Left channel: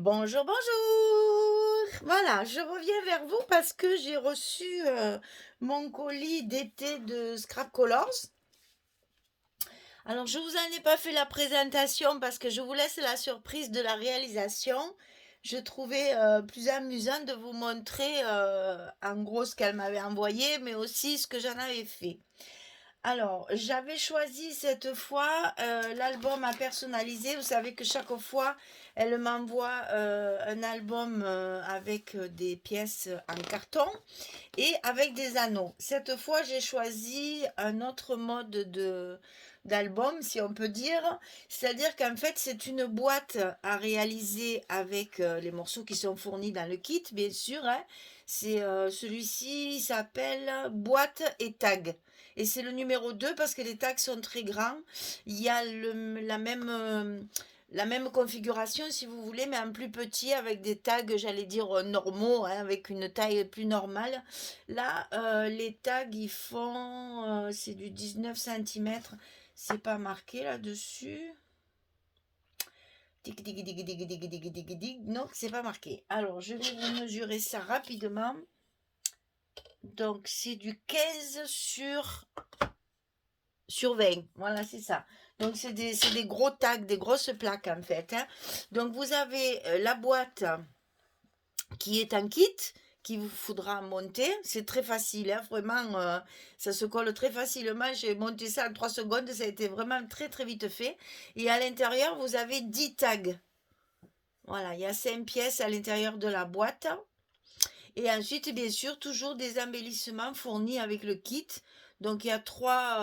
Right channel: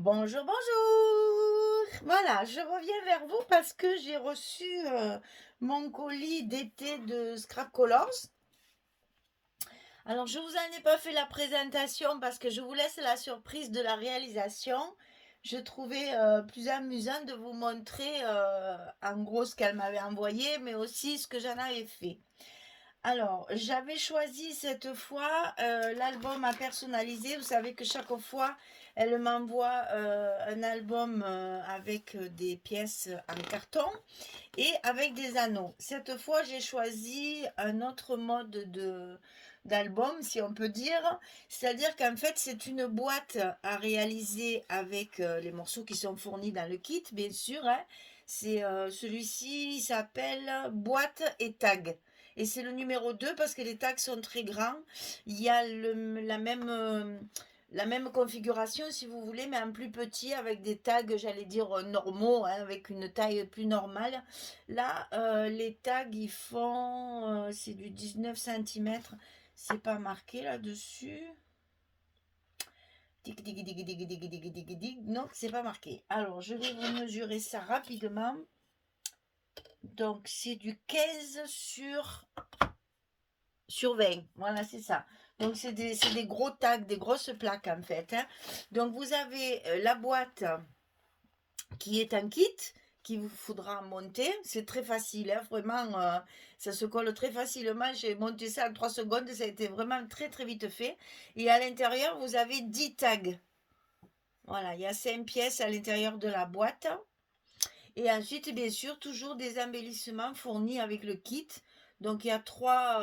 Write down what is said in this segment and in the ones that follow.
Bonjour, bonjour. Voilà, je reviens vers vous parce que j'ai reçu mon colis d'été de Scrap Colors. Alors, je vous en ai pas fait la présentation parce que je vous laisse la surprise de la réalisation. Je trouvais plus amusant de vous montrer en gros ce qu'elle m'avait envoyé, mais aussi ce que j'en avais fait. Alors, j'avais choisi cette fois l'album à personnaliser. Vous savez que chaque fois, elle m'envoie un album avec des pièces en carton et avec des anneaux. Cette fois, j'ai choisi un autre mode d'album, si on peut dire. C'est-à-dire qu'en fait, c'est une boîte à réaliser avec les morceaux qui sont fournis dans le kit, bien sûr, hein. C'est celui-ci, il s'appelle boîte et tag. Et c'est le numéro 2 parce que les tags sont très grands. Il y a la même configuration si vous voulez, mais en plus petit avec des tags, j'allais dire normaux, hein, avec une taille plus normale. Là, les tags, ils font, c'est du 19 centimètres. C'est pas marqué là-dessus. Tic, tic, tic, tic, tic, tic, tic, tic, tic. Non, c'est pas marqué. Alors, je vais vous mesurer ça rapidement. Donc, c'est du 15 sur 20. Voilà, c'est ça. Donc, c'est des gros tags, des grosses plaques en fait, hein. Donc, vous avez la boîte qui est un kit qu'il vous faudra monter. C'est très facile, hein, vraiment, ça se colle très facilement. J'ai monté ça en 3 secondes, ça a été vraiment très très vite fait. Et à l'intérieur, vous avez 10 tags. Voilà, il y a 5 pièces à l'intérieur de la boîte. Et ensuite, bien sûr, toujours des embellissements fournis avec le kit. Donc, il y a trois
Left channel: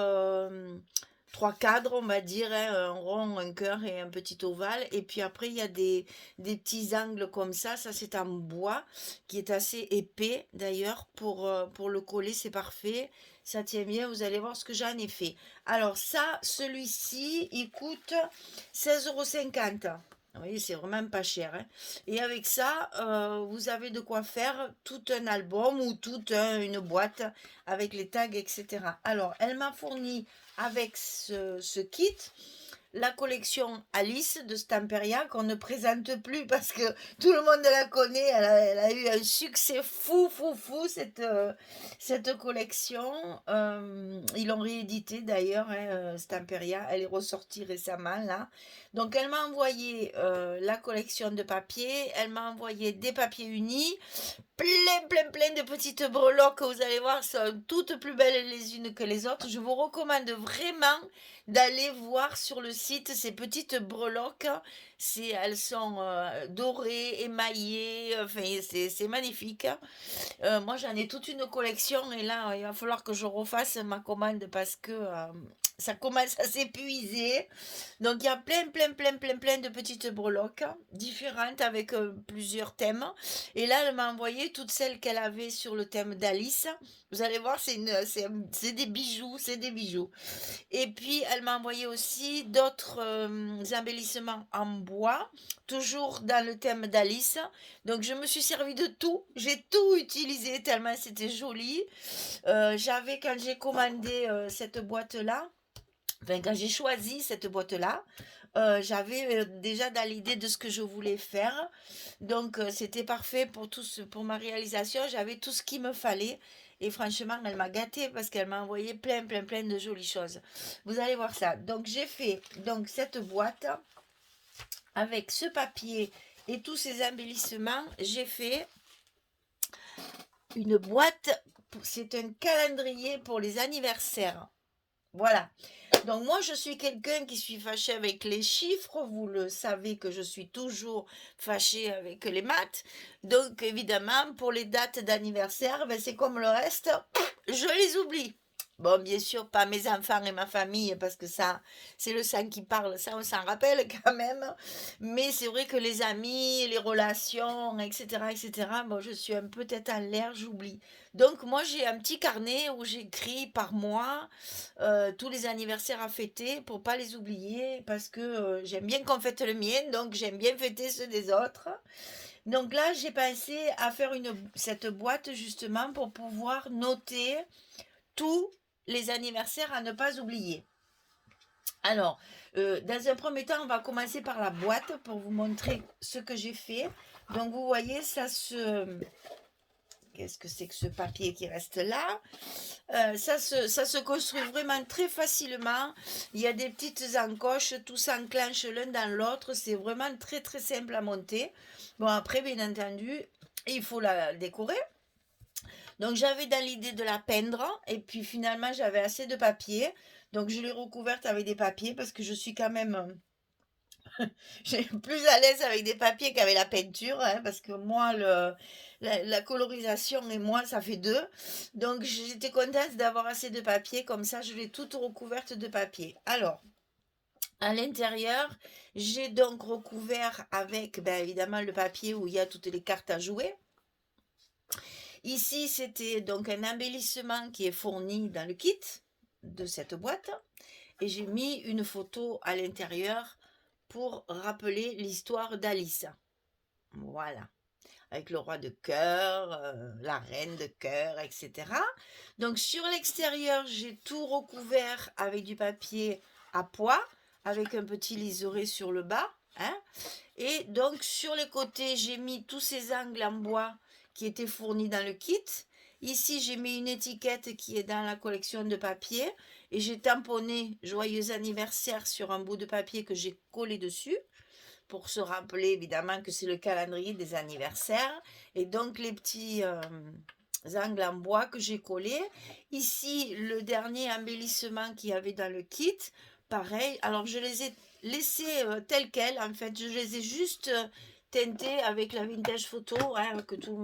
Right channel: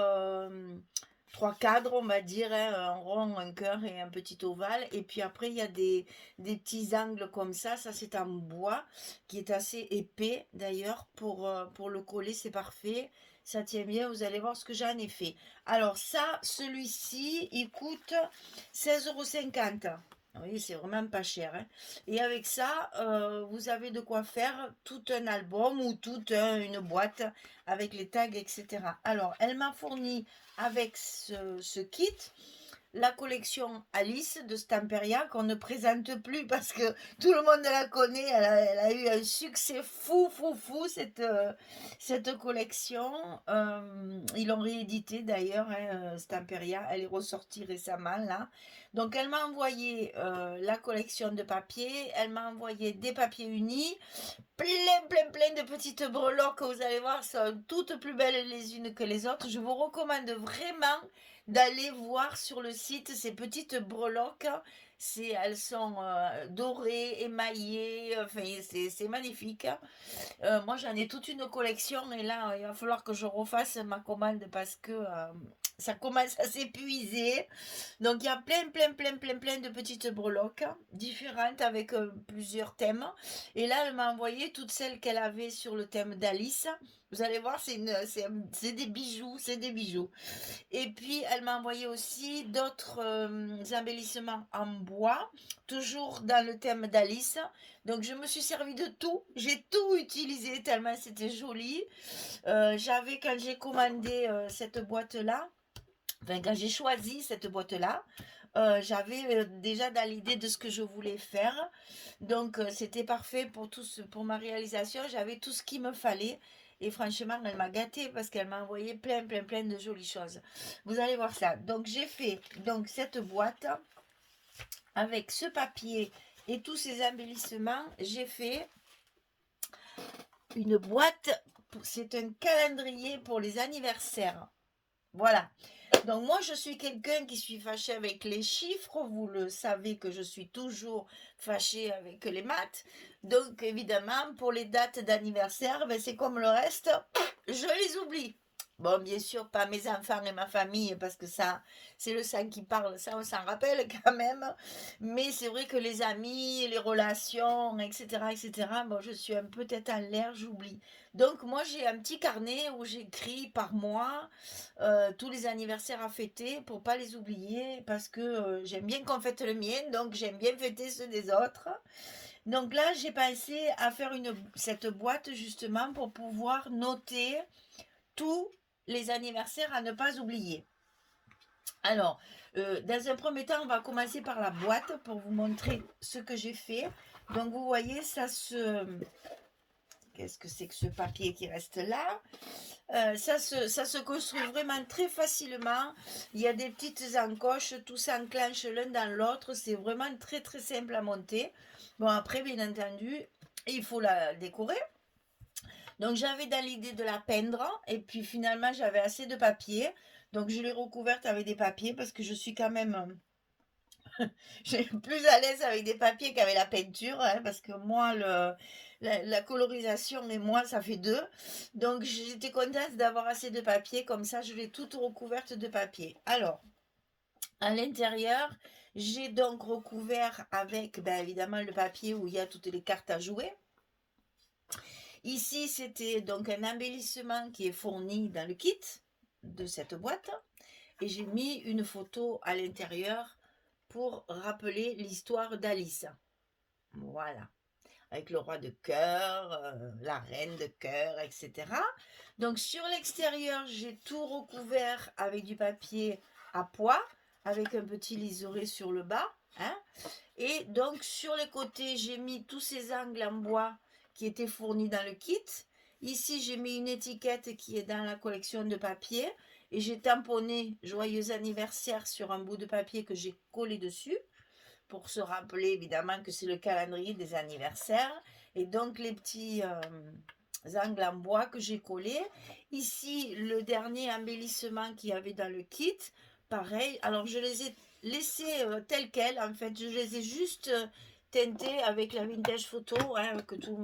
cadres, on va dire, hein, un rond, un cœur et un petit ovale. Et puis après, il y a des petits angles comme ça. Ça, c'est en bois, qui est assez épais d'ailleurs. Pour le coller, c'est parfait. Ça tient bien. Vous allez voir ce que j'en ai fait. Alors, ça, celui-ci, il coûte 16,50 €. Oui, c'est vraiment pas cher, hein. Et avec ça, vous avez de quoi faire tout un album ou toute une boîte avec les tags, etc. Alors, elle m'a fourni avec ce kit la collection Alice de Stamperia qu'on ne présente plus parce que tout le monde la connaît. Elle a eu un succès fou, fou, fou, cette collection. Ils l'ont réédité d'ailleurs, hein, Stamperia. Elle est ressortie récemment là. Donc elle m'a envoyé la collection de papiers. Elle m'a envoyé des papiers unis, plein, plein, plein de petites breloques que vous allez voir sont toutes plus belles les unes que les autres. Je vous recommande vraiment d'aller voir sur le site ces petites breloques. Elles sont dorées, émaillées, enfin c'est magnifique. Moi j'en ai toute une collection et là il va falloir que je refasse ma commande parce que ça commence à s'épuiser. Donc il y a plein, plein, plein, plein, plein de petites breloques différentes avec plusieurs thèmes. Et là, elle m'a envoyé toutes celles qu'elle avait sur le thème d'Alice. Vous allez voir, c'est des bijoux, c'est des bijoux. Et puis, elle m'a envoyé aussi d'autres embellissements en bois, toujours dans le thème d'Alice. Donc, je me suis servi de tout. J'ai tout utilisé tellement c'était joli. Quand j'ai commandé cette boîte-là, enfin, quand j'ai choisi cette boîte-là, j'avais déjà dans l'idée de ce que je voulais faire. Donc, c'était parfait pour ma réalisation. J'avais tout ce qu'il me fallait. Et franchement, elle m'a gâtée parce qu'elle m'a envoyé plein, plein, plein de jolies choses. Vous allez voir ça. Donc, j'ai fait donc, cette boîte avec ce papier et tous ces embellissements. J'ai fait une boîte. C'est un calendrier pour les anniversaires. Voilà. Donc moi, je suis quelqu'un qui suis fâché avec les chiffres. Vous le savez que je suis toujours fâchée avec les maths. Donc évidemment, pour les dates d'anniversaire, ben, c'est comme le reste, je les oublie. Bon, bien sûr, pas mes enfants et ma famille, parce que ça, c'est le sang qui parle, ça, on s'en rappelle quand même. Mais c'est vrai que les amis, les relations, etc., etc., bon, je suis un peu tête en l'air, j'oublie. Donc, moi, j'ai un petit carnet où j'écris par mois tous les anniversaires à fêter pour pas les oublier, parce que j'aime bien qu'on fête le mien, donc j'aime bien fêter ceux des autres. Donc là, j'ai pensé à faire cette boîte justement pour pouvoir noter tous les anniversaires à ne pas oublier. Alors, dans un premier temps, on va commencer par la boîte pour vous montrer ce que j'ai fait. Donc, vous voyez, ça se... Qu'est-ce que c'est que ce papier qui reste là? Ça se construit vraiment très facilement. Il y a des petites encoches, tout s'enclenche l'un dans l'autre. C'est vraiment très très simple à monter. Bon, après, bien entendu, il faut la décorer. Donc j'avais dans l'idée de la peindre et puis finalement j'avais assez de papier. Donc je l'ai recouverte avec des papiers parce que je suis quand même plus à l'aise avec des papiers qu'avec la peinture, hein, parce que moi, la colorisation et moi, ça fait deux. Donc j'étais contente d'avoir assez de papier, comme ça je l'ai toute recouverte de papier. Alors, à l'intérieur, j'ai donc recouvert avec, ben, évidemment, le papier où il y a toutes les cartes à jouer. Ici, c'était donc un embellissement qui est fourni dans le kit de cette boîte. Et j'ai mis une photo à l'intérieur pour rappeler l'histoire d'Alice. Voilà. Avec le roi de cœur, la reine de cœur, etc. Donc sur l'extérieur, j'ai tout recouvert avec du papier à pois, avec un petit liseré sur le bas. Hein. Et donc sur les côtés, j'ai mis tous ces angles en bois qui étaient fournis dans le kit. Ici, j'ai mis une étiquette qui est dans la collection de papier et j'ai tamponné joyeux anniversaire sur un bout de papier que j'ai collé dessus pour se rappeler évidemment que c'est le calendrier des anniversaires et donc les petits angles en bois que j'ai collés. Ici, le dernier embellissement qu'il y avait dans le kit, pareil. Alors, je les ai laissés tels quels. En fait, je les ai juste teintés avec la Vintage Photo, hein, que tout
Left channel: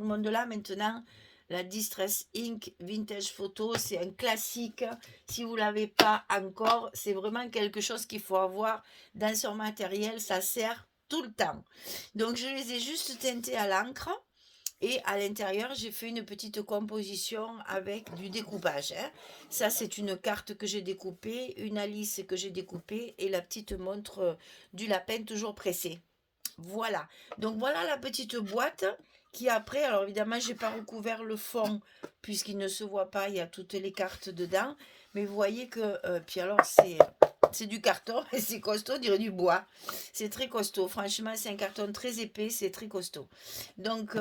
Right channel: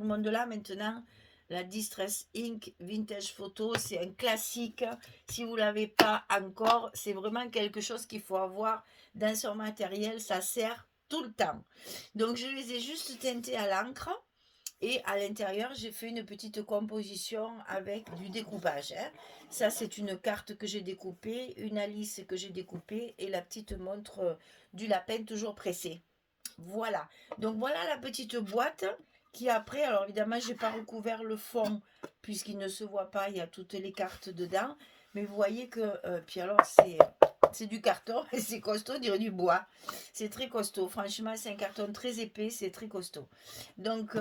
le monde là maintenant. La Distress Ink Vintage Photo, c'est un classique. Si vous ne l'avez pas encore, c'est vraiment quelque chose qu'il faut avoir dans son matériel. Ça sert tout le temps. Donc, je les ai juste teintés à l'encre. Et à l'intérieur, j'ai fait une petite composition avec du découpage. Hein. Ça, c'est une carte que j'ai découpée, une Alice que j'ai découpée et la petite montre du lapin toujours pressée. Voilà. Donc voilà la petite boîte qui après, alors évidemment, j'ai pas recouvert le fond puisqu'il ne se voit pas, il y a toutes les cartes dedans. Mais vous voyez que, puis alors c'est du carton et c'est costaud, on dirait du bois. C'est très costaud. Franchement, c'est un carton très épais, c'est très costaud. Donc,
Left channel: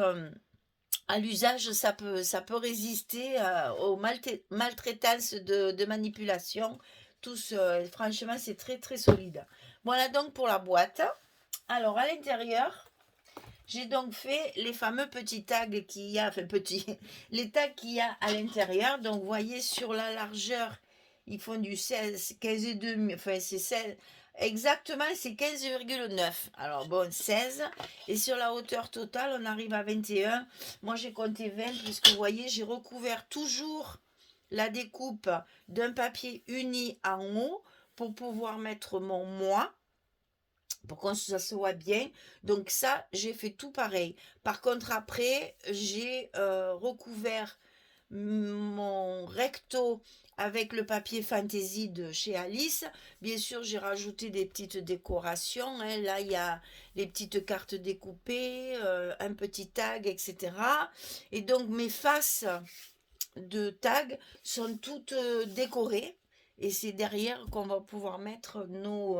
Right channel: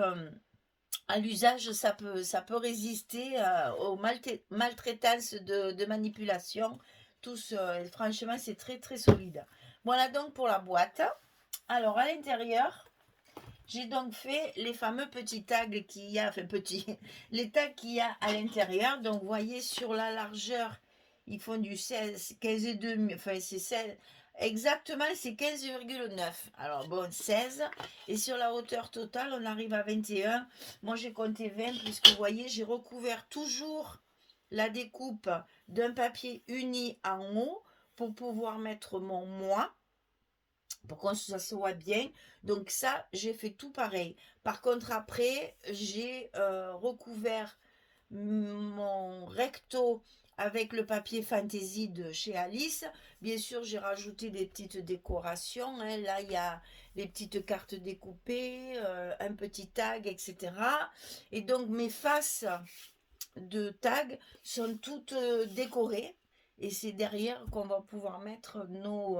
à l'usage, ça peut résister aux maltraitances de manipulation. Franchement, c'est très très solide. Voilà donc pour la boîte. Alors à l'intérieur, j'ai donc fait les fameux petits tags qu'il y a, enfin petits, les tags qu'il y a à l'intérieur. Donc vous voyez sur la largeur, ils font du 16, 15,2, enfin c'est 16, exactement c'est 15,9. Alors bon, 16. Et sur la hauteur totale, on arrive à 21. Moi j'ai compté 20 puisque vous voyez, j'ai recouvert toujours la découpe d'un papier uni en haut pour pouvoir mettre mon moi pour que ça se voit bien. Donc ça, j'ai fait tout pareil. Par contre, après, j'ai recouvert mon recto avec le papier fantaisie de chez Alice. Bien sûr, j'ai rajouté des petites décorations. Hein. Là, il y a les petites cartes découpées, un petit tag, etc. Et donc, mes faces de tag sont toutes décorées. Et c'est derrière qu'on va pouvoir mettre nos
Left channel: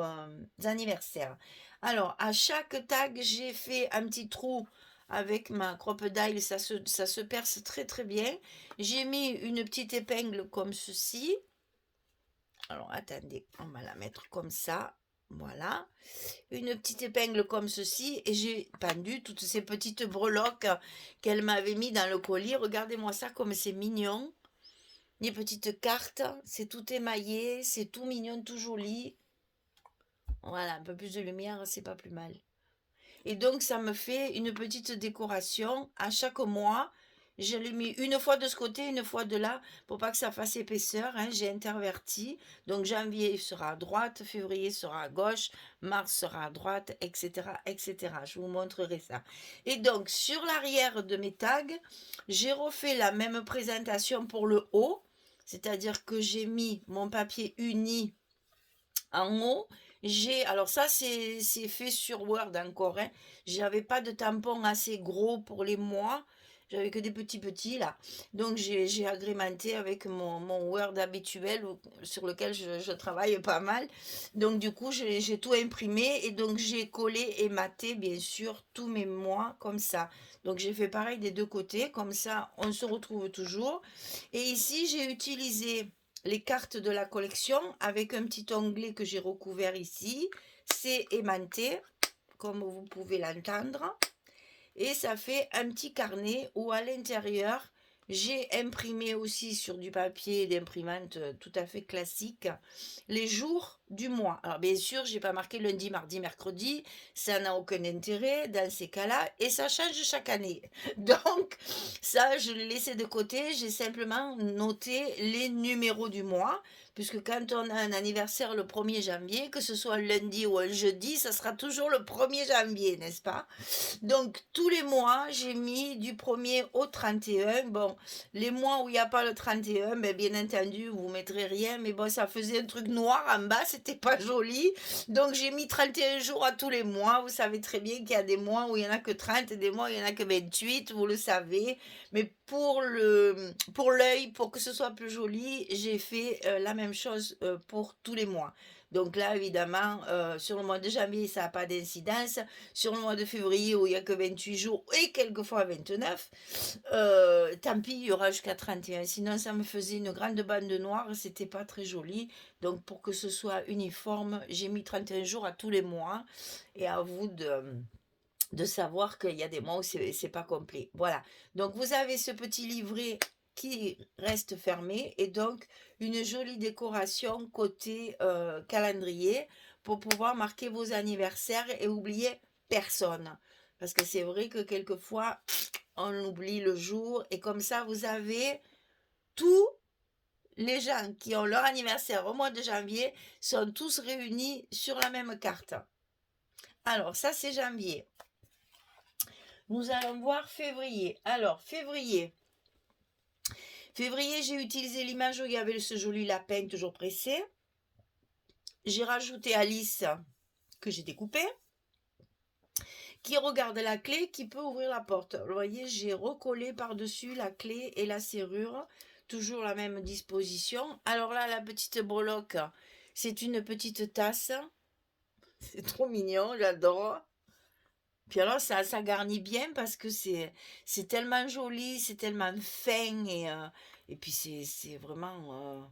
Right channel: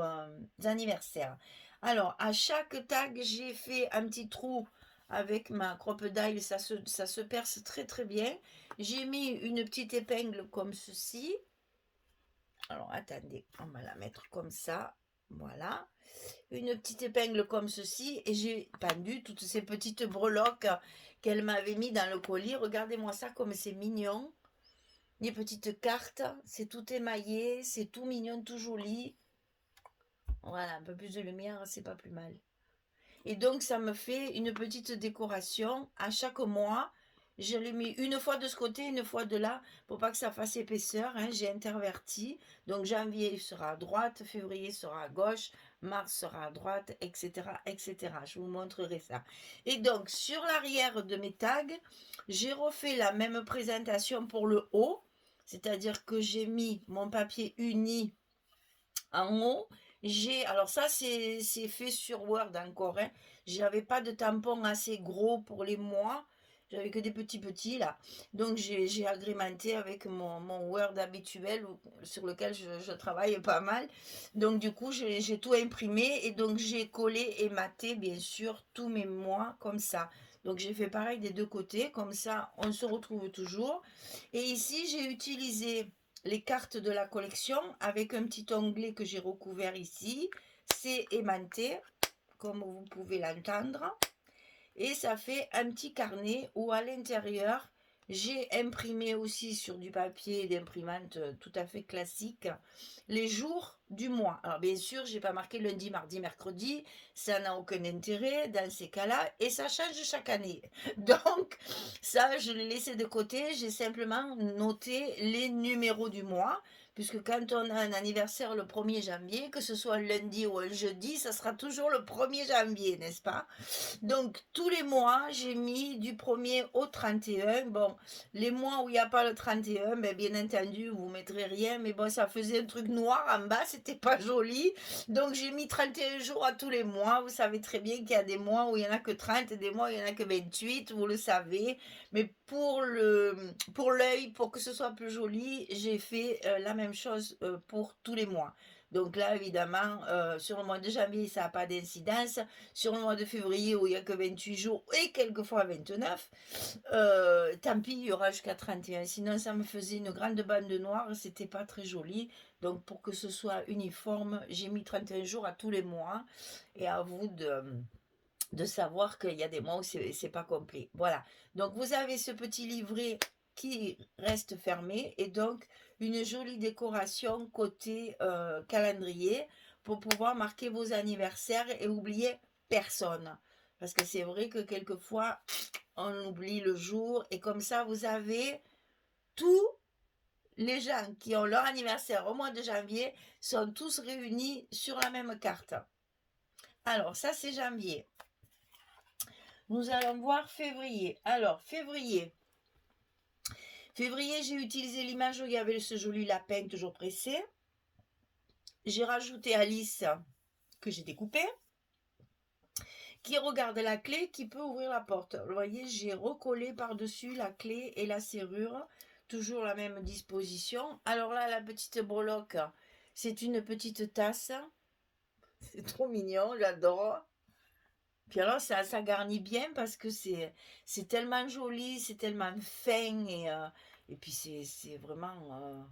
anniversaires. Alors, à chaque tag, j'ai fait un petit trou avec ma crocodile. Ça se perce très très bien. J'ai mis une petite épingle comme ceci. Alors, attendez, on va la mettre comme ça. Voilà. Une petite épingle comme ceci. Et j'ai pendu toutes ces petites breloques qu'elle m'avait mis dans le colis. Regardez-moi ça comme c'est mignon. Les petites cartes, c'est tout émaillé, c'est tout mignon, tout joli. Voilà, un peu plus de lumière, c'est pas plus mal. Et donc, ça me fait une petite décoration à chaque mois. Je l'ai mis une fois de ce côté, une fois de là, pour pas que ça fasse épaisseur. Hein, j'ai interverti. Donc, janvier sera à droite, février sera à gauche, mars sera à droite, etc., etc. Je vous montrerai ça. Et donc, sur l'arrière de mes tags, j'ai refait la même présentation pour le haut. C'est-à-dire que j'ai mis mon papier uni en haut. Alors ça, c'est fait sur Word encore. Hein. J'avais pas de tampon assez gros pour les mois. J'avais que des petits là. Donc j'ai agrémenté avec mon Word habituel sur lequel je travaille pas mal. Donc du coup, j'ai tout imprimé et donc j'ai collé et maté bien sûr tous mes mois comme ça. Donc j'ai fait pareil des deux côtés, comme ça on se retrouve toujours. Et ici, j'ai utilisé les cartes de la collection avec un petit onglet que j'ai recouvert ici. C'est aimanté, comme vous pouvez l'entendre. Et ça fait un petit carnet où à l'intérieur, j'ai imprimé aussi sur du papier d'imprimante tout à fait classique les jours du mois. Alors bien sûr, j'ai pas marqué lundi, mardi, mercredi, ça n'a aucun intérêt dans ces cas-là et ça change chaque année. Donc ça, je l'ai laissé de côté, j'ai simplement noté les numéros du mois. Puisque quand on a un anniversaire le 1er janvier, que ce soit un lundi ou un jeudi, ça sera toujours le 1er janvier, n'est-ce pas? Donc, tous les mois, j'ai mis du 1er au 31. Bon, les mois où il n'y a pas le 31, ben, bien entendu, vous ne mettrez rien. Mais bon, ça faisait un truc noir en bas, c'était pas joli. Donc, j'ai mis 31 jours à tous les mois. Vous savez très bien qu'il y a des mois où il n'y en a que 30, des mois où il n'y en a que 28, vous le savez. Mais pour l'œil, pour que ce soit plus joli, j'ai fait la même chose pour tous les mois. Donc là, évidemment, sur le mois de janvier, ça n'a pas d'incidence. Sur le mois de février, où il n'y a que 28 jours et quelquefois 29, tant pis, il y aura jusqu'à 31. Sinon, ça me faisait une grande bande noire, c'était pas très joli. Donc, pour que ce soit uniforme, j'ai mis 31 jours à tous les mois. Et à vous de savoir qu'il y a des mois où c'est pas complet. Voilà. Donc, vous avez ce petit livret qui reste fermé et donc une jolie décoration côté calendrier pour pouvoir marquer vos anniversaires et oublier personne. Parce que c'est vrai que quelquefois, on oublie le jour et comme ça, vous avez tous les gens qui ont leur anniversaire au mois de janvier sont tous réunis sur la même carte. Alors, ça, c'est janvier. Nous allons voir février. Alors, février. Février, j'ai utilisé l'image où il y avait ce joli lapin toujours pressé. J'ai rajouté Alice que j'ai découpé, qui regarde la clé, qui peut ouvrir la porte. Vous voyez, j'ai recollé par-dessus la clé et la serrure. Toujours la même disposition. Alors là, la petite breloque, c'est une petite tasse. C'est trop mignon, j'adore. Puis alors, ça garnit bien parce que c'est tellement joli, c'est tellement fin et puis c'est vraiment,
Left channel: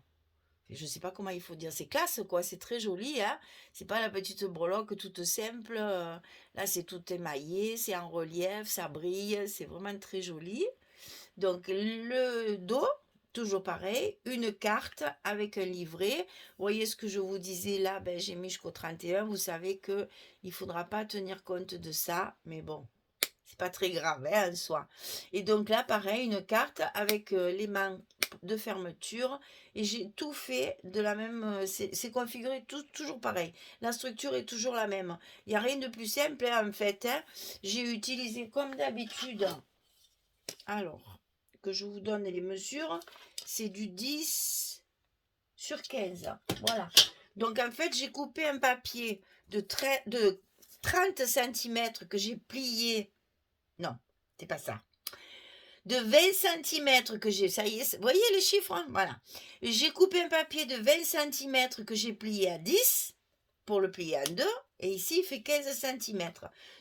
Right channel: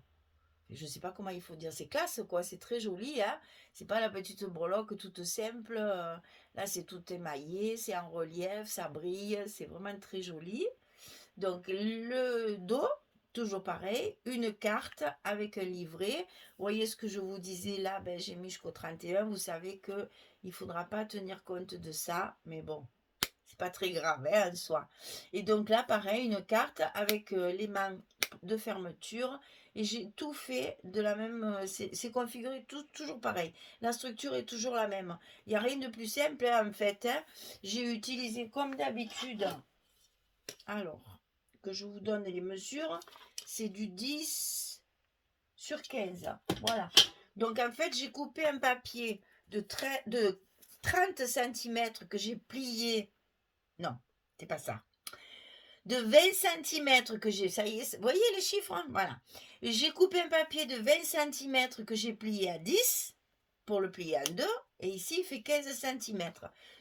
je sais pas comment il faut dire, c'est classe quoi, c'est très joli, hein. C'est pas la petite breloque toute simple, là c'est tout émaillé, c'est en relief, ça brille, c'est vraiment très joli. Donc le dos, toujours pareil, une carte avec un livret. Vous voyez ce que je vous disais là, ben, j'ai mis jusqu'au 31. Vous savez que il faudra pas tenir compte de ça, mais bon, c'est pas très grave hein, en soi. Et donc là, pareil, une carte avec les mains de fermeture. Et j'ai tout fait de la même. C'est configuré toujours pareil. La structure est toujours la même. Il n'y a rien de plus simple hein, en fait. Hein. J'ai utilisé comme d'habitude. Alors, que je vous donne les mesures, c'est du 10 sur 15. Voilà. Donc, en fait, j'ai coupé un papier de 30 cm que j'ai plié. Non, c'est pas ça. De 20 cm que j'ai. Ça y est, vous voyez les chiffres hein. Voilà. J'ai coupé un papier de 20 cm que j'ai plié à 10 pour le plier en deux. Et ici, il fait 15 cm.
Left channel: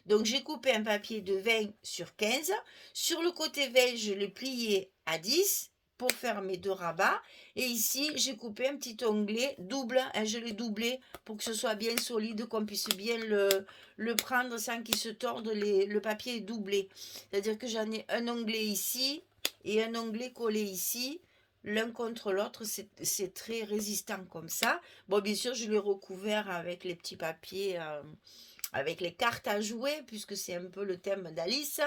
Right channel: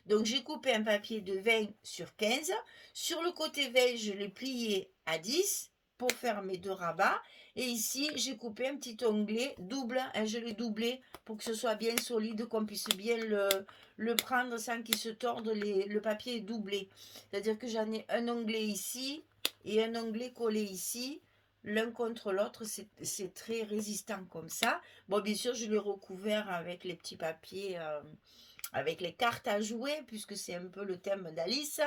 Donc, j'ai coupé un papier de 20 sur 15. Sur le côté 20, je l'ai plié à 10 pour faire mes deux rabats. Et ici, j'ai coupé un petit onglet double. Hein, je l'ai doublé pour que ce soit bien solide, qu'on puisse bien le prendre sans qu'il se torde. Le papier est doublé. C'est-à-dire que j'en ai un onglet ici et un onglet collé ici. L'un contre l'autre, c'est très résistant comme ça. Bon, bien sûr, je l'ai recouvert avec les petits papiers, avec les cartes à jouer, puisque c'est un peu le thème d'Alice.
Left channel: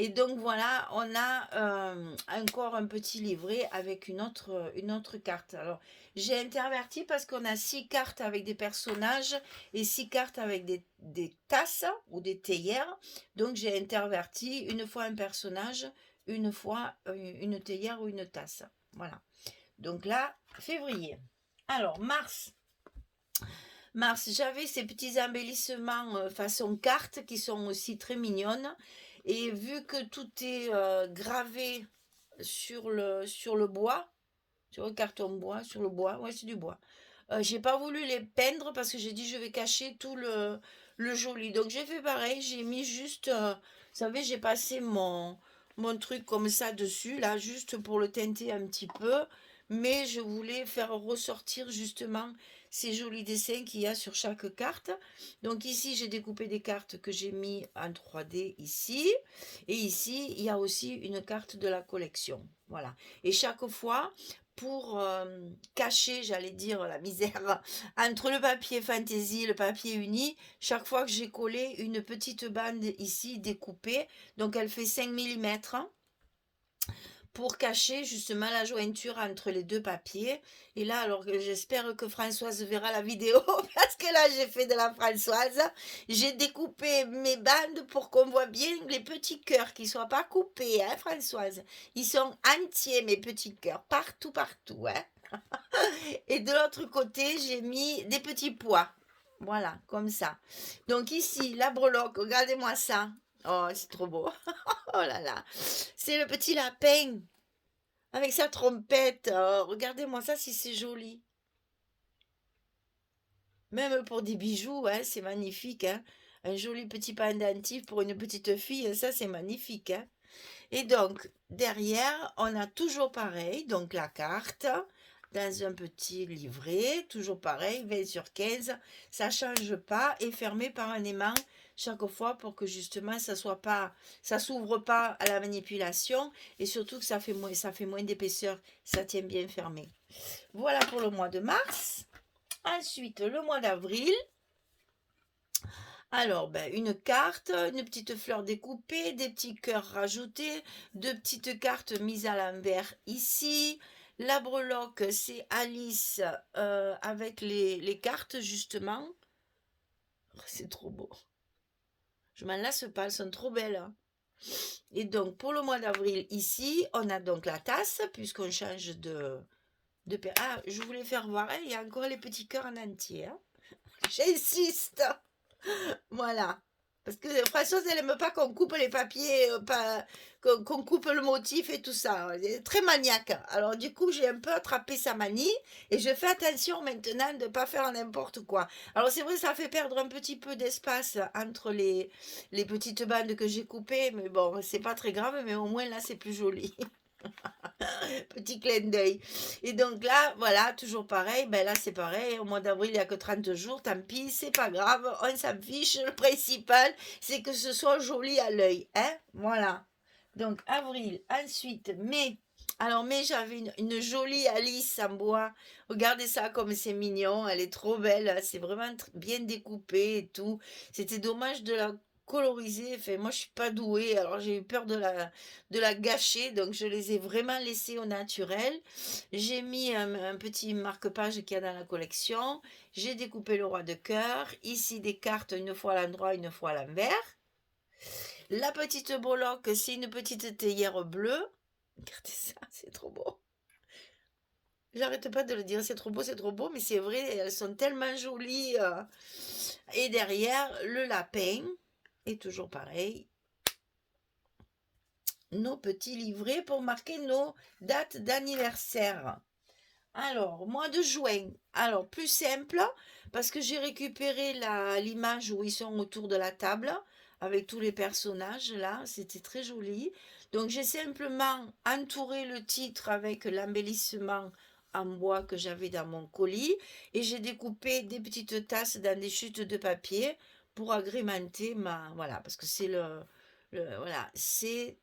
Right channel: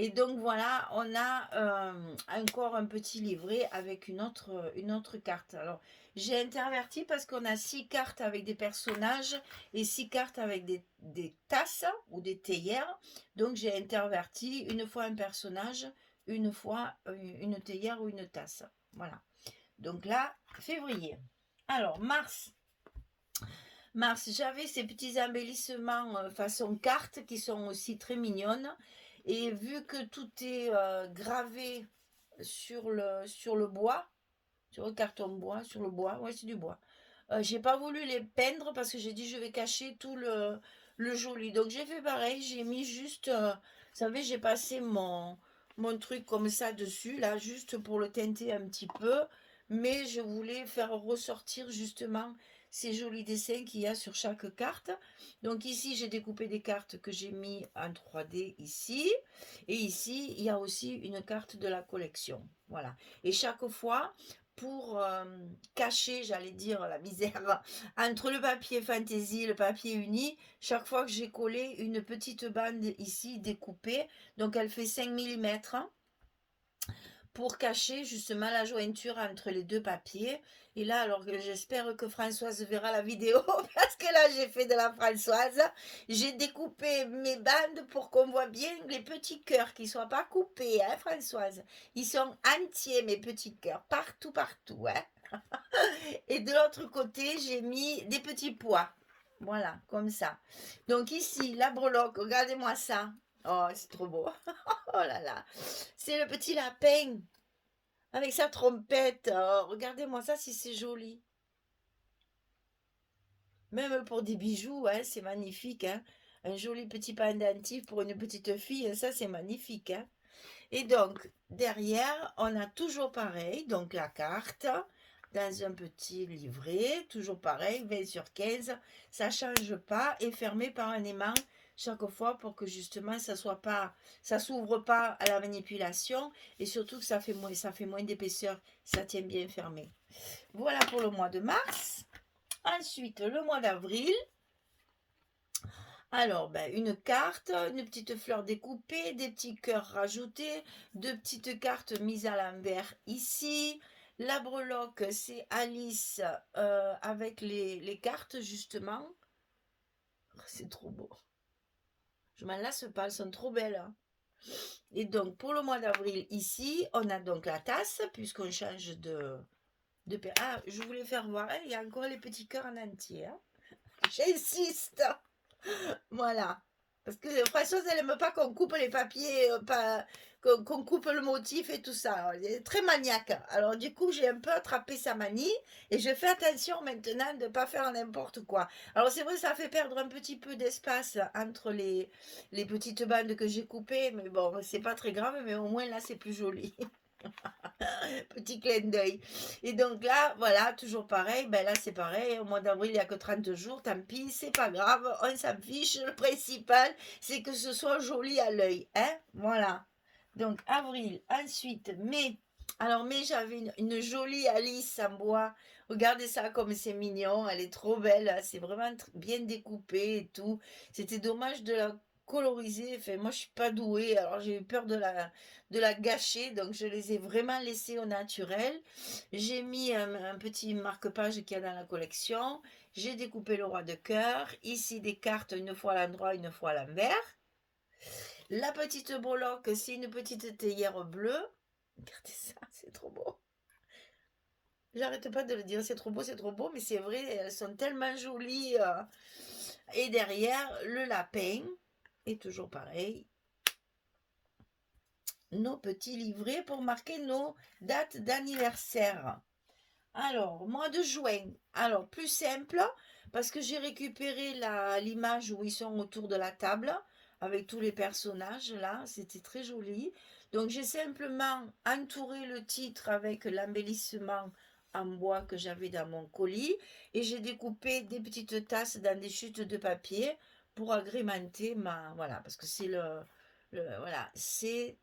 Et donc, voilà, on a encore un petit livret avec une autre carte. Alors, j'ai interverti parce qu'on a 6 cartes avec des personnages et 6 cartes avec des tasses ou des théières. Donc, j'ai interverti une fois un personnage, une fois une théière ou une tasse. Voilà. Donc là, février. Alors, mars. Mars, j'avais ces petits embellissements façon carte qui sont aussi très mignonnes. Et vu que tout est gravé sur le bois, sur le carton bois, sur le bois, ouais, c'est du bois. J'ai pas voulu les peindre parce que j'ai dit je vais cacher tout le joli. Donc j'ai fait pareil, j'ai mis juste, vous savez, j'ai passé mon truc comme ça dessus, là, juste pour le teinter un petit peu. Mais je voulais faire ressortir justement ces jolis dessins qu'il y a sur chaque carte. Donc ici, j'ai découpé des cartes que j'ai mis en 3D ici. Et ici, il y a aussi une carte de la collection. Voilà. Et chaque fois, pour cacher, j'allais dire, la misère, entre le papier fantaisie et le papier uni, chaque fois que j'ai collé une petite bande ici découpée, donc elle fait 5 mm, pour cacher justement la jointure entre les deux papiers. Et là, alors j'espère que Françoise verra la vidéo, parce que là, j'ai fait de la Françoise. J'ai découpé mes bandes pour qu'on voit bien les petits cœurs, qui ne soient pas coupés, hein, Françoise. Ils sont entiers, mes petits cœurs, partout, partout. Hein. Et de l'autre côté, j'ai mis des petits pois. Voilà, comme ça. Donc ici, la breloque, regardez-moi ça. Oh, c'est trop beau. Oh là là. C'est le petit lapin avec sa trompette. Oh, regardez-moi ça si c'est joli. Même pour des bijoux, hein, c'est magnifique. Hein. Un joli petit pendentif pour une petite fille, ça c'est magnifique. Hein. Et donc, derrière, on a toujours pareil, donc la carte, dans un petit livret, toujours pareil, 20/15, ça ne change pas, et fermé par un aimant chaque fois pour que justement ça s'ouvre pas à la manipulation, et surtout que ça fait moins d'épaisseur, ça tient bien fermé. Voilà pour le mois de mars. Ensuite, le mois d'avril. Alors, ben, une carte, une petite fleur découpée, des petits cœurs rajoutés, deux petites cartes mises à l'envers ici. La breloque, c'est Alice avec les cartes, justement. Oh, c'est trop beau. Je m'en lasse pas, elles sont trop belles. Hein. Et donc, pour le mois d'avril, ici, on a donc la tasse, puisqu'on change de... Ah, je voulais faire voir, hein, il y a encore les petits cœurs en entier. Hein. J'insiste. Voilà. Parce que Françoise, elle aime pas qu'on coupe les papiers, qu'on coupe le motif et tout ça. Elle est très maniaque. Alors du coup, j'ai un peu attrapé sa manie et je fais attention maintenant de ne pas faire n'importe quoi. Alors c'est vrai, ça fait perdre un petit peu d'espace entre les petites bandes que j'ai coupées, mais bon, c'est pas très grave, mais au moins là, c'est plus joli. Petit clin d'œil. Et donc là, voilà, toujours pareil. Ben là, c'est pareil. Au mois d'avril, il n'y a que 30 jours. Tant pis, c'est pas grave. On s'en fiche. Le principal, c'est que ce soit joli à l'œil. Hein? Voilà. Donc, avril. Ensuite, mai. Alors, mai, j'avais une jolie Alice en bois. Regardez ça comme c'est mignon. Elle est trop belle. C'est vraiment bien découpé et tout. C'était dommage de la coloriser. Enfin, moi, je suis pas douée. Alors, j'ai eu peur de la gâcher. Donc, je les ai vraiment laissées au naturel. J'ai mis un petit marque-page qu'il y a dans la collection. J'ai découpé le roi de cœur. Ici, des cartes, une fois à l'endroit, une fois à l'envers. La petite breloque, c'est une petite théière bleue. Regardez ça, c'est trop beau. J'arrête pas de le dire, c'est trop beau, mais c'est vrai, elles sont tellement jolies. Et derrière, le lapin, et toujours pareil, nos petits livrets pour marquer nos dates d'anniversaire. Alors, mois de juin. Alors, plus simple, parce que j'ai récupéré l'image où ils sont autour de la table, avec tous les personnages, là. C'était très joli. Donc, j'ai simplement entouré le titre avec l'embellissement en bois que j'avais dans mon colis. Et j'ai découpé des petites tasses dans des chutes de papier pour agrémenter ma... Voilà, parce que c'est voilà, c'est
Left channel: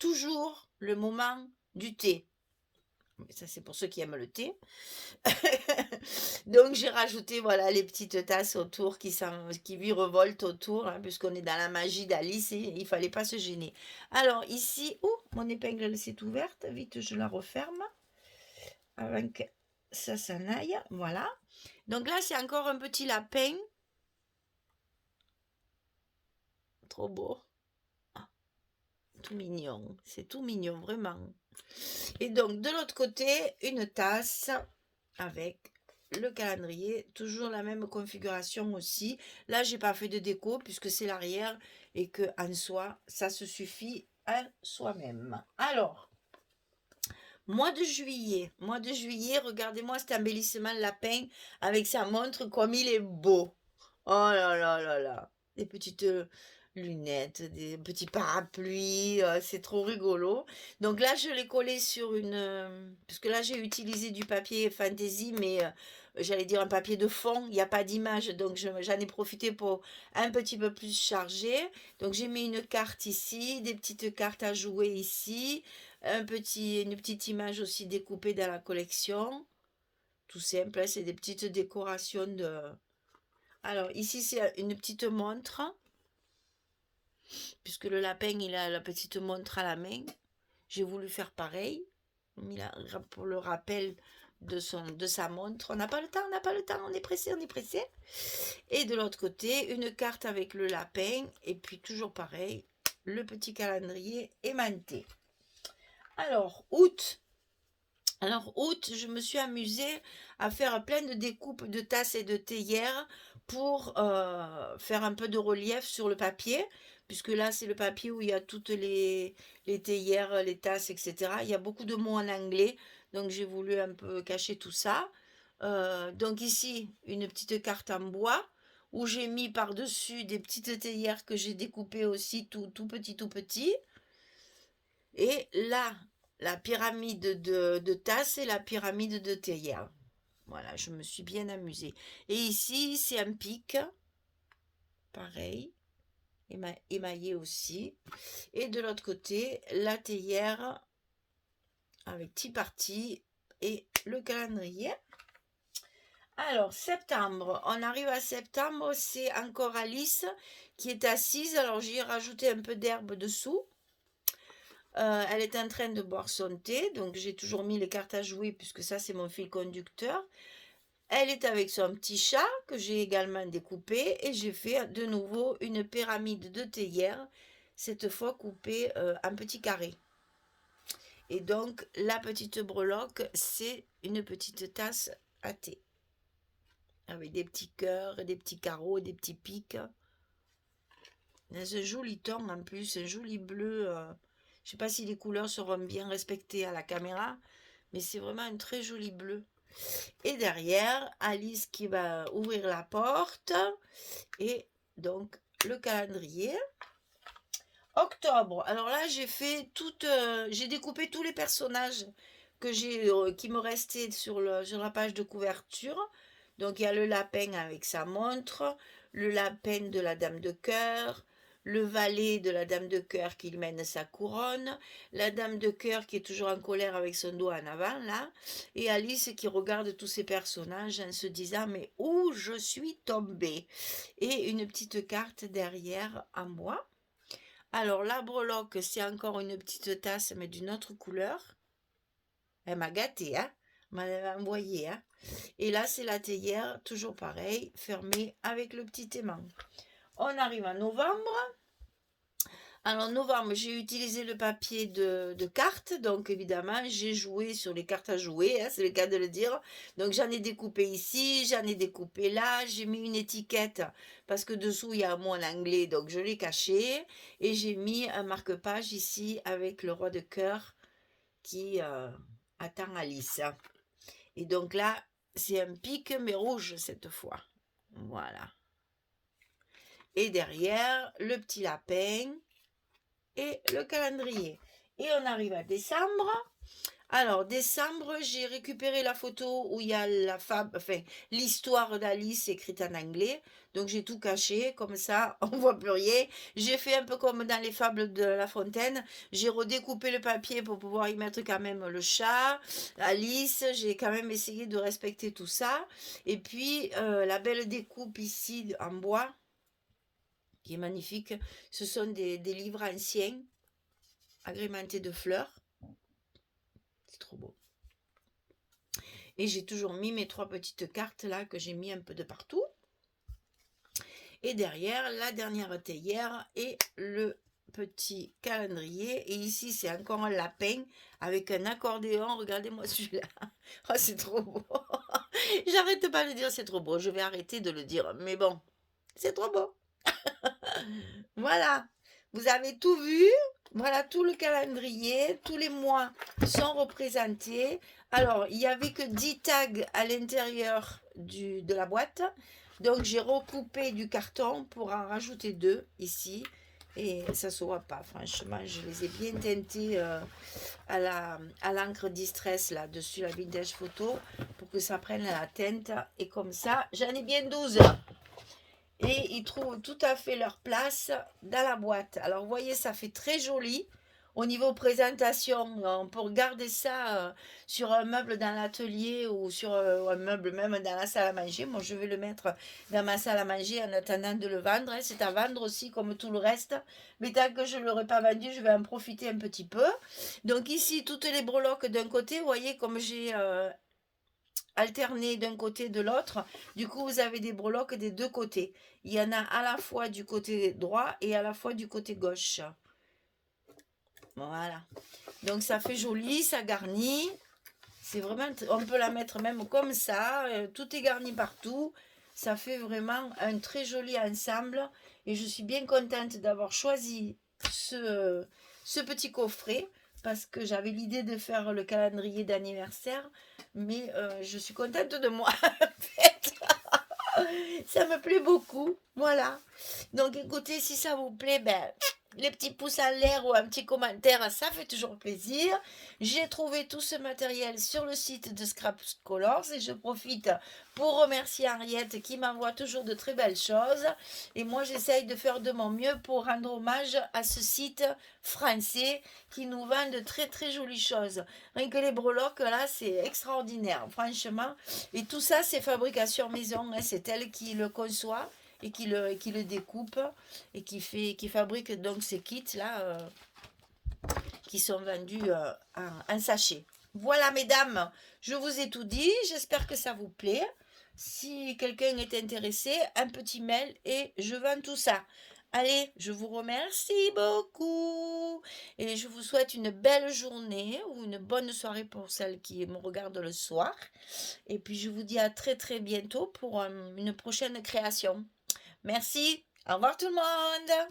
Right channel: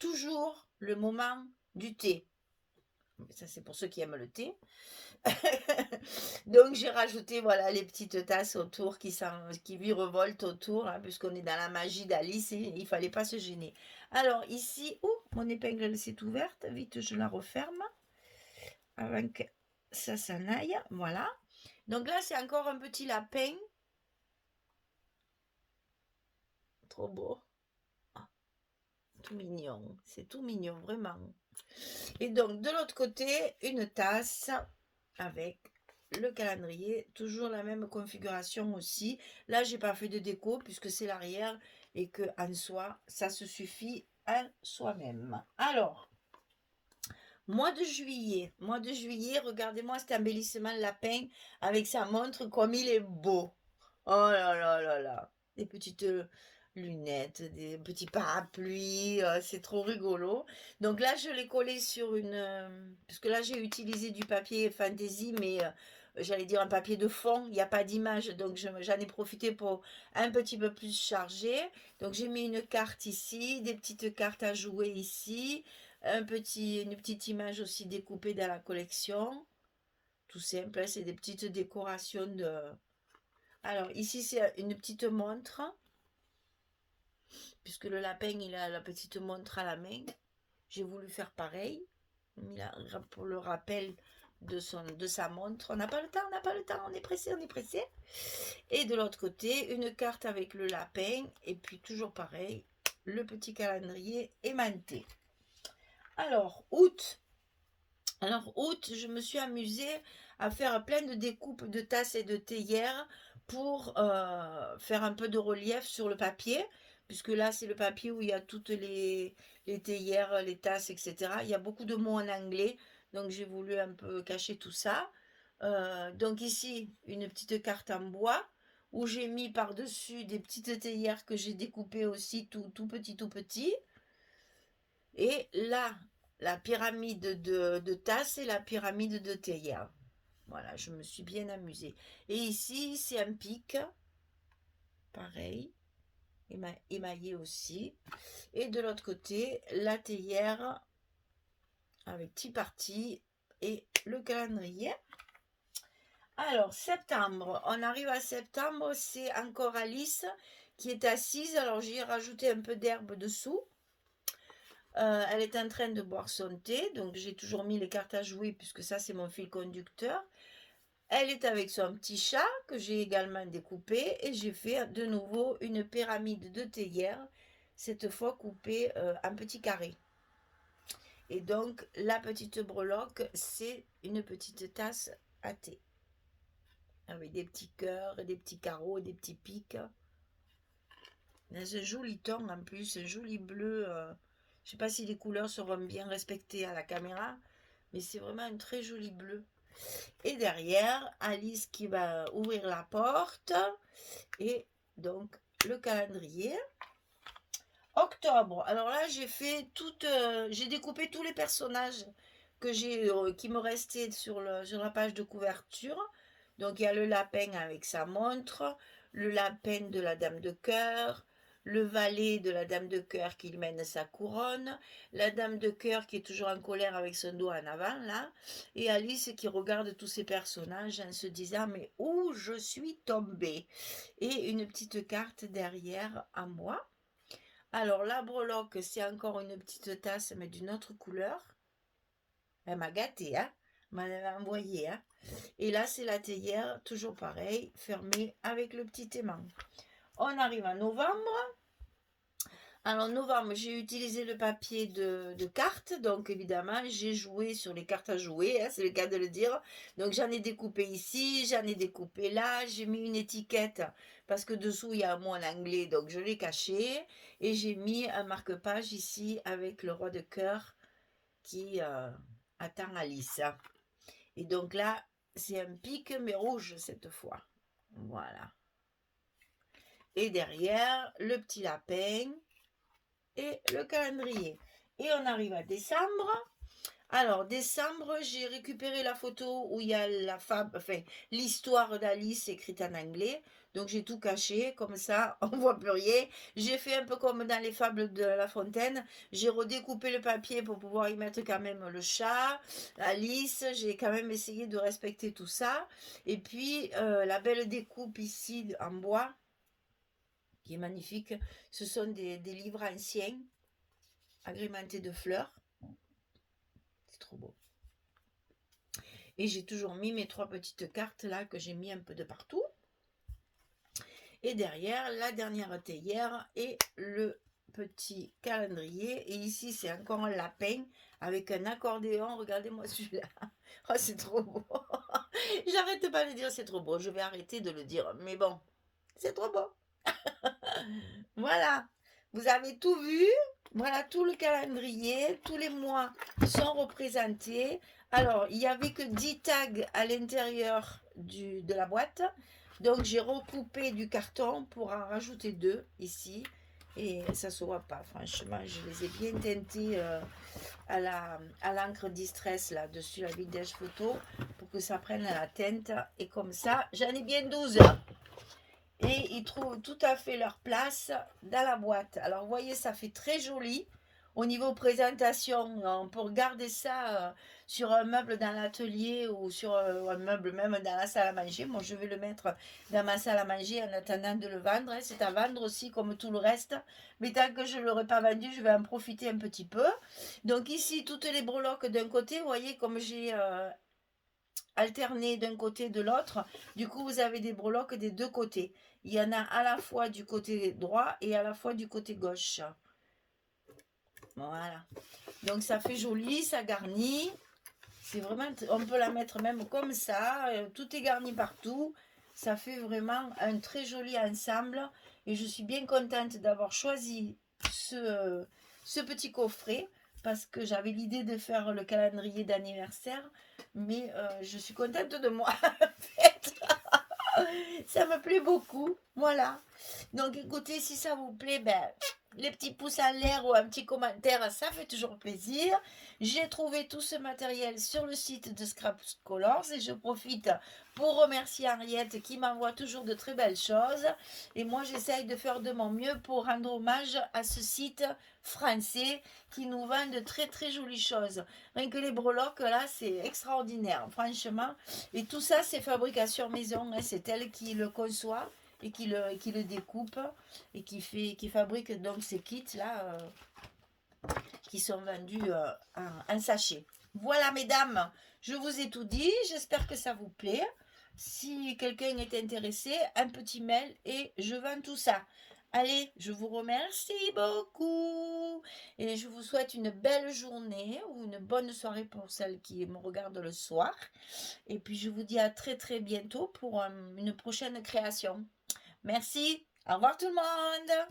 toujours le moment du thé. Ça, c'est pour ceux qui aiment le thé. Donc, j'ai rajouté voilà, les petites tasses autour qui virevoltent autour, hein, puisqu'on est dans la magie d'Alice et il ne fallait pas se gêner. Alors, ici, mon épingle elle s'est ouverte. Vite, je la referme avant que ça s'en aille. Voilà. Donc là, c'est encore un petit lapin. Trop beau. Tout mignon. C'est tout mignon, vraiment. Et donc, de l'autre côté, une tasse avec le calendrier, toujours la même configuration aussi. Là, j'ai pas fait de déco puisque c'est l'arrière et que en soi, ça se suffit à soi-même. Alors, mois de juillet, regardez-moi cet embellissement de lapin avec sa montre comme il est beau. Oh là là là là, des petites lunettes, des petits parapluies, c'est trop rigolo. Donc là, je l'ai collé sur une, parce que là, j'ai utilisé du papier fantaisie, mais j'allais dire un papier de fond, il n'y a pas d'image, donc j'en ai profité pour un petit peu plus charger. Donc j'ai mis une carte ici, des petites cartes à jouer ici, une petite image aussi découpée dans la collection. Tout simple, hein, c'est des petites décorations de... Alors ici c'est une petite montre, puisque le lapin il a la petite montre à la main. J'ai voulu faire pareil, pour le rappel de sa montre. On n'a pas le temps, on n'a pas le temps, on est pressé, on est pressé. Et de l'autre côté, une carte avec le lapin, et puis toujours pareil, le petit calendrier aimanté. Alors, août. Alors, août, je me suis amusée à faire plein de découpes de tasses et de théières pour faire un peu de relief sur le papier, puisque là, c'est le papier où il y a toutes les théières, les tasses, etc. Il y a beaucoup de mots en anglais, donc j'ai voulu un peu cacher tout ça. Donc ici, une petite carte en bois, où j'ai mis par-dessus des petites théières que j'ai découpées aussi tout petit, tout petit. Et là, la pyramide de tasses et la pyramide de théière. Voilà, je me suis bien amusée. Et ici, c'est un pic, pareil, émaillé aussi. Et de l'autre côté, la théière avec petit parti et le calendrier. Alors, septembre, on arrive à septembre, c'est encore Alice qui est assise. Alors, j'ai rajouté un peu d'herbe dessous. Elle est en train de boire son thé, donc j'ai toujours mis les cartes à jouer puisque ça c'est mon fil conducteur. Elle est avec son petit chat que j'ai également découpé et j'ai fait de nouveau une pyramide de théière, cette fois coupée en petits carrés. Et donc la petite breloque, c'est une petite tasse à thé avec des petits cœurs, des petits carreaux, des petits pics. Dans un joli ton en plus, un joli bleu. Je ne sais pas si les couleurs seront bien respectées à la caméra, mais c'est vraiment un très joli bleu. Et derrière, Alice qui va ouvrir la porte. Et donc, le calendrier. Octobre. Alors là, j'ai découpé tous les personnages qui me restaient sur la page de couverture. Donc, il y a le lapin avec sa montre, le lapin de la dame de cœur, le valet de la dame de cœur qui mène sa couronne, la dame de cœur qui est toujours en colère avec son dos en avant, là, et Alice qui regarde tous ces personnages en se disant mais où je suis tombée, et une petite carte derrière en bois. Alors la breloque, c'est encore une petite tasse mais d'une autre couleur. Elle m'a gâtée, hein, m'a envoyé, hein. Et là c'est la théière, toujours pareil, fermée avec le petit aimant. On arrive en novembre. Alors, novembre, j'ai utilisé le papier de cartes, donc évidemment, j'ai joué sur les cartes à jouer, hein, c'est le cas de le dire. Donc, j'en ai découpé ici, j'en ai découpé là, j'ai mis une étiquette parce que dessous, il y a un mot en anglais, donc je l'ai caché. Et j'ai mis un marque-page ici avec le roi de cœur qui attend Alice. Et donc là, c'est un pic, mais rouge cette fois. Voilà. Et derrière, le petit lapin et le calendrier. Et on arrive à décembre. Alors, décembre, j'ai récupéré la photo où il y a l'histoire d'Alice écrite en anglais. Donc, j'ai tout caché, comme ça, on voit plus rien. J'ai fait un peu comme dans les fables de La Fontaine. J'ai redécoupé le papier pour pouvoir y mettre quand même le chat, Alice. J'ai quand même essayé de respecter tout ça. Et puis, la belle découpe ici en bois, qui est magnifique. Ce sont des livres anciens, agrémentés de fleurs. C'est trop beau. Et j'ai toujours mis mes 3 petites cartes là que j'ai mis un peu de partout. Et derrière, la dernière théière et le petit calendrier. Et ici, c'est encore un lapin avec un accordéon. Regardez-moi celui-là. Oh, c'est trop beau. J'arrête pas de dire c'est trop beau. Je vais arrêter de le dire. Mais bon, c'est trop beau. Voilà, vous avez tout vu. Voilà tout le calendrier, tous les mois sont représentés. Alors, il n'y avait que 10 tags à l'intérieur de la boîte. Donc, j'ai recoupé du carton pour en rajouter deux ici. Et ça ne se voit pas, franchement, je les ai bien teintés à l'encre Distress là, dessus la vintage photo pour que ça prenne la teinte. Et comme ça, j'en ai bien 12 et ils trouvent tout à fait leur place dans la boîte. Alors, vous voyez, ça fait très joli. Au niveau présentation, on peut garder ça sur un meuble dans l'atelier ou sur un meuble même dans la salle à manger. Moi, je vais le mettre dans ma salle à manger en attendant de le vendre, hein. C'est à vendre aussi comme tout le reste. Mais tant que je ne l'aurai pas vendu, je vais en profiter un petit peu. Donc ici, toutes les breloques d'un côté, vous voyez comme j'ai alterner d'un côté et de l'autre. Du coup, vous avez des breloques des deux côtés. Il y en a à la fois du côté droit et à la fois du côté gauche. Voilà. Donc ça fait joli, ça garnit. C'est vraiment, on peut la mettre même comme ça. Tout est garni partout. Ça fait vraiment un très joli ensemble. Et je suis bien contente d'avoir choisi ce petit coffret parce que j'avais l'idée de faire le calendrier d'anniversaire. Mais je suis contente de moi. En fait. Ça me plaît beaucoup. Voilà. Donc écoutez, si ça vous plaît, ben, les petits pouces en l'air ou un petit commentaire, ça fait toujours plaisir. J'ai trouvé tout ce matériel sur le site de Scraps Colors et je profite pour remercier Henriette qui m'envoie toujours de très belles choses. Et moi, j'essaye de faire de mon mieux pour rendre hommage à ce site français qui nous vend de très très jolies choses. Rien que les breloques, là, c'est extraordinaire, franchement. Et tout ça, c'est fabrication maison, hein. C'est elle qui le conçoit et qui le découpe et qui fabrique donc ces kits là qui sont vendus en sachet. Voilà mesdames, je vous ai tout dit, j'espère que ça vous plaît. Si quelqu'un est intéressé, un petit mail et je vends tout ça. Allez, je vous remercie beaucoup et je vous souhaite une belle journée ou une bonne soirée pour celles qui me regardent le soir. Et puis je vous dis à très très bientôt pour une prochaine création. Merci. Au revoir tout le monde.